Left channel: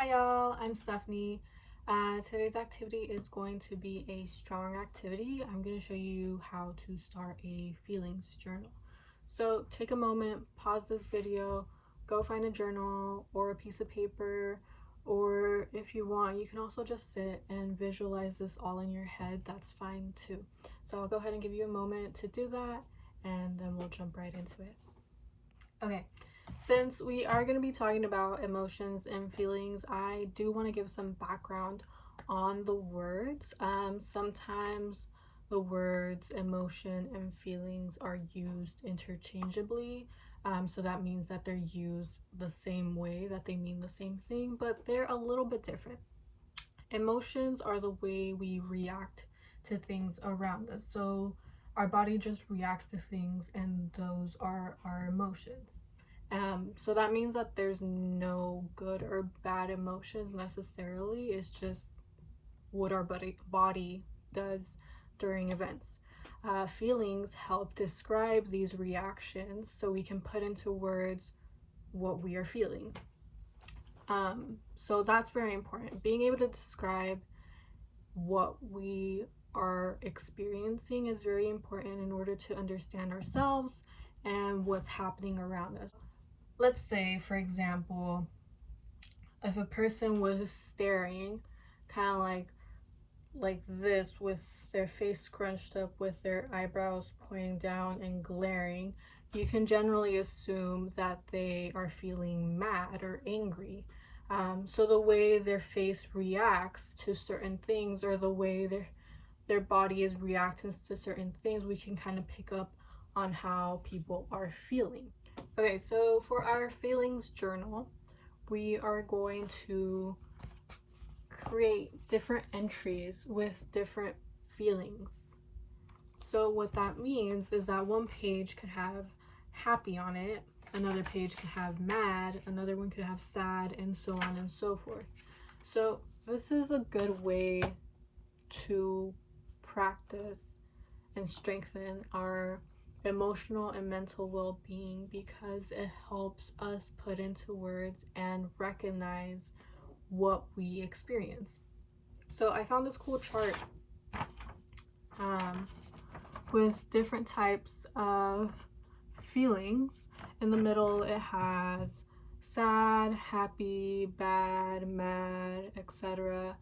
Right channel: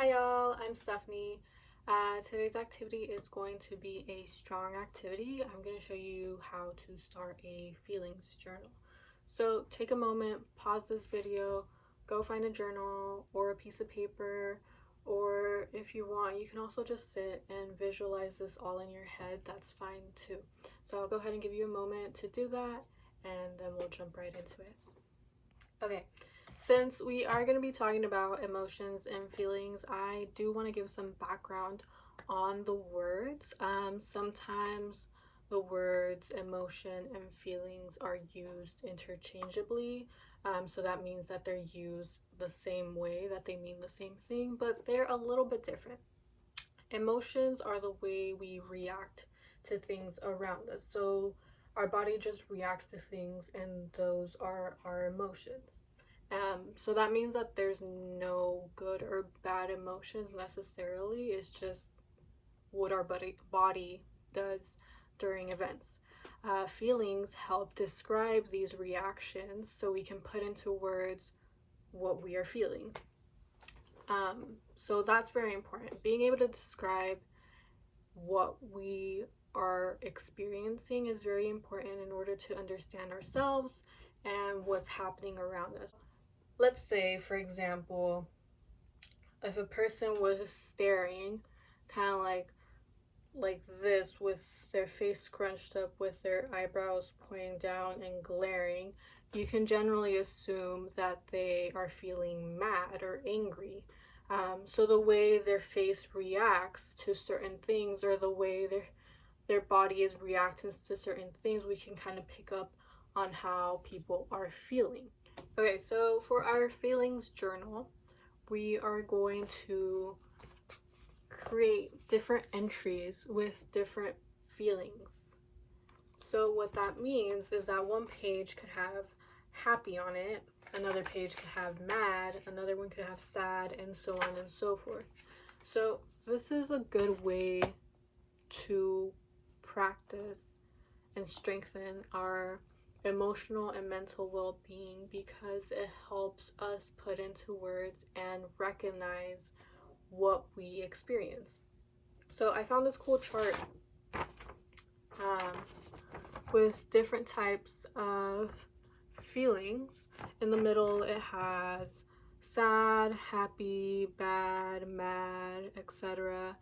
Hi y'all, I'm Stephanie. Today's activity is going to be a strong activity. I'm going to show you how to start a feelings journal. So take a moment, pause this video, go find a journal or a piece of paper, or if you want, you can also just sit and visualize this all in your head. That's fine too. So I'll go ahead and give you a moment to do that, and then we'll jump right into it. Okay, since we are going to be talking about emotions and feelings, I do want to give some background on the words. Sometimes the words emotion and feelings are used interchangeably. So that means that they're used the same way, that they mean the same thing, but they're a little bit different. Emotions are the way we react to things around us. So our body just reacts to things, and those are our emotions. So that means that there's no good or bad emotions necessarily. It's just what our body does during events. Feelings help describe these reactions so we can put into words what we are feeling. So that's very important. Being able to describe what we are experiencing is very important in order to understand ourselves and what's happening around us. Let's say, for example, if a person was staring kind of like this, with their face scrunched up, with their eyebrows pointing down and glaring, you can generally assume that they are feeling mad or angry. So the way their face reacts to certain things, or the way their body is reacting to certain things, we can kind of pick up on how people are feeling. Okay, so for our feelings journal, we are going to create different entries with different feelings. So what that means is that one page could have happy on it, another page could have mad, another one could have sad, and so on and so forth. So this is a good way to practice and strengthen our emotional and mental well-being, because it helps us put into words and recognize what we experience. So I found this cool chart with different types of feelings. In the middle it has sad, happy, bad, mad, etc.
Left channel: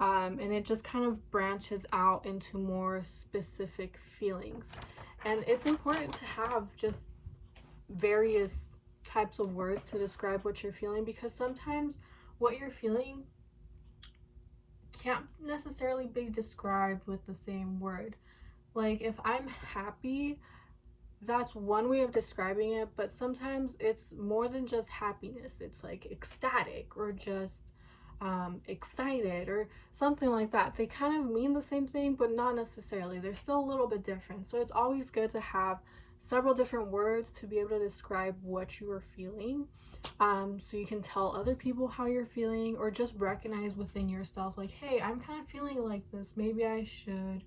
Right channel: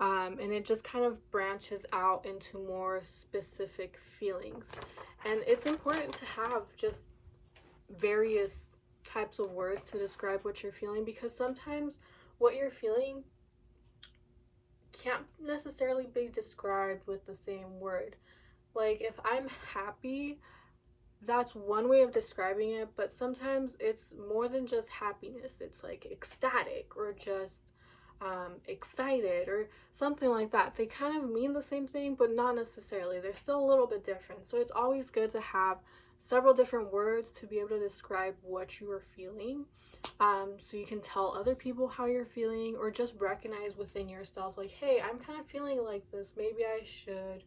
And it just kind of branches out into more specific feelings. And it's important to have just various types of words to describe what you're feeling, because sometimes what you're feeling can't necessarily be described with the same word. Like if I'm happy, that's one way of describing it, but sometimes it's more than just happiness. It's like ecstatic, or just excited, or something like that. They kind of mean the same thing, but not necessarily. They're still a little bit different. So it's always good to have several different words to be able to describe what you are feeling, so you can tell other people how you're feeling, or just recognize within yourself, like, hey, I'm kind of feeling like this. Maybe I should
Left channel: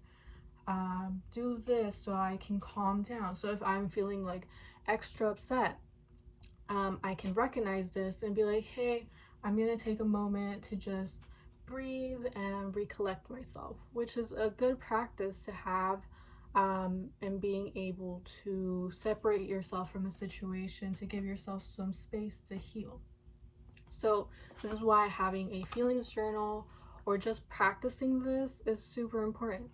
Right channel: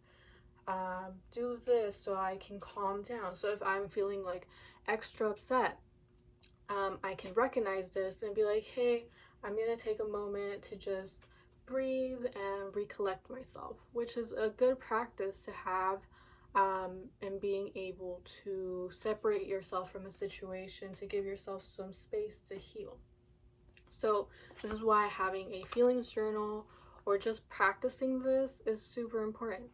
do this so I can calm down. So if I'm feeling like extra upset, I can recognize this and be like, hey, I'm gonna take a moment to just breathe and recollect myself, which is a good practice to have, and being able to separate yourself from a situation to give yourself some space to heal. So this is why having a feelings journal, or just practicing this, is super important.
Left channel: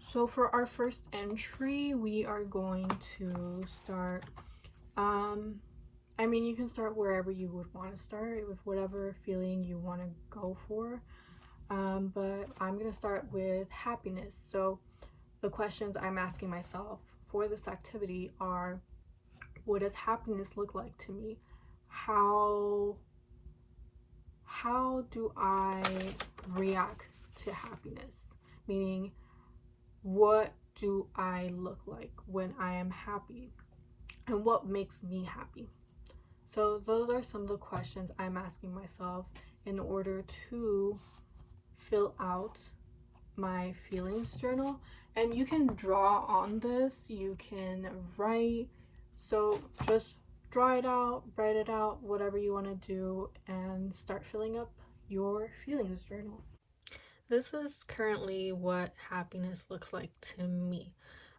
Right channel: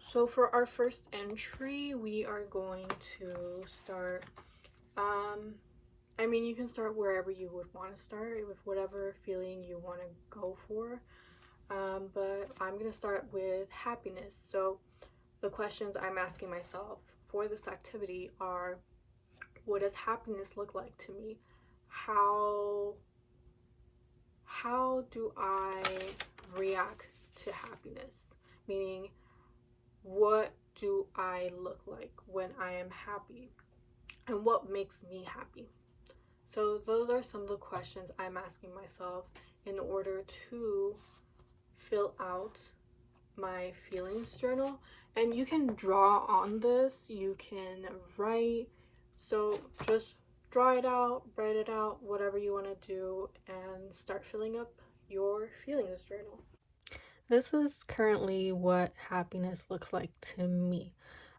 So for our first entry, we are going to start, you can start wherever you would want to start, with whatever feeling you want to go for. But I'm going to start with happiness. So the questions I'm asking myself for this activity are, what does happiness look like to me? How do I react to happiness? Meaning, what do I look like when I am happy? And what makes me happy? So those are some of the questions I'm asking myself in order to fill out my feelings journal. And you can draw on this, you can write. So just draw it out, write it out, whatever you want to do, and start filling up your feelings journal. This is currently what happiness looks like to me.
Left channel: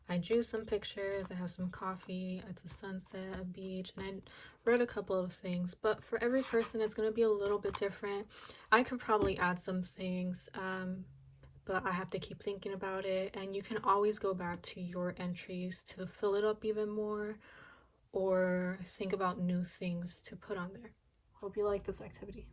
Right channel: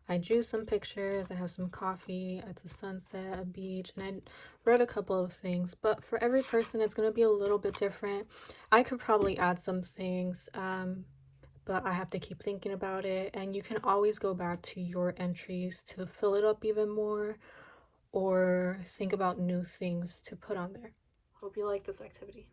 I drew some pictures, I have some coffee, it's a sunset, a beach, and I wrote a couple of things. But for every person, it's going to be a little bit different. I could probably add some things, but I have to keep thinking about it. And you can always go back to your entries to fill it up even more or think about new things to put on there. Hope you like this activity.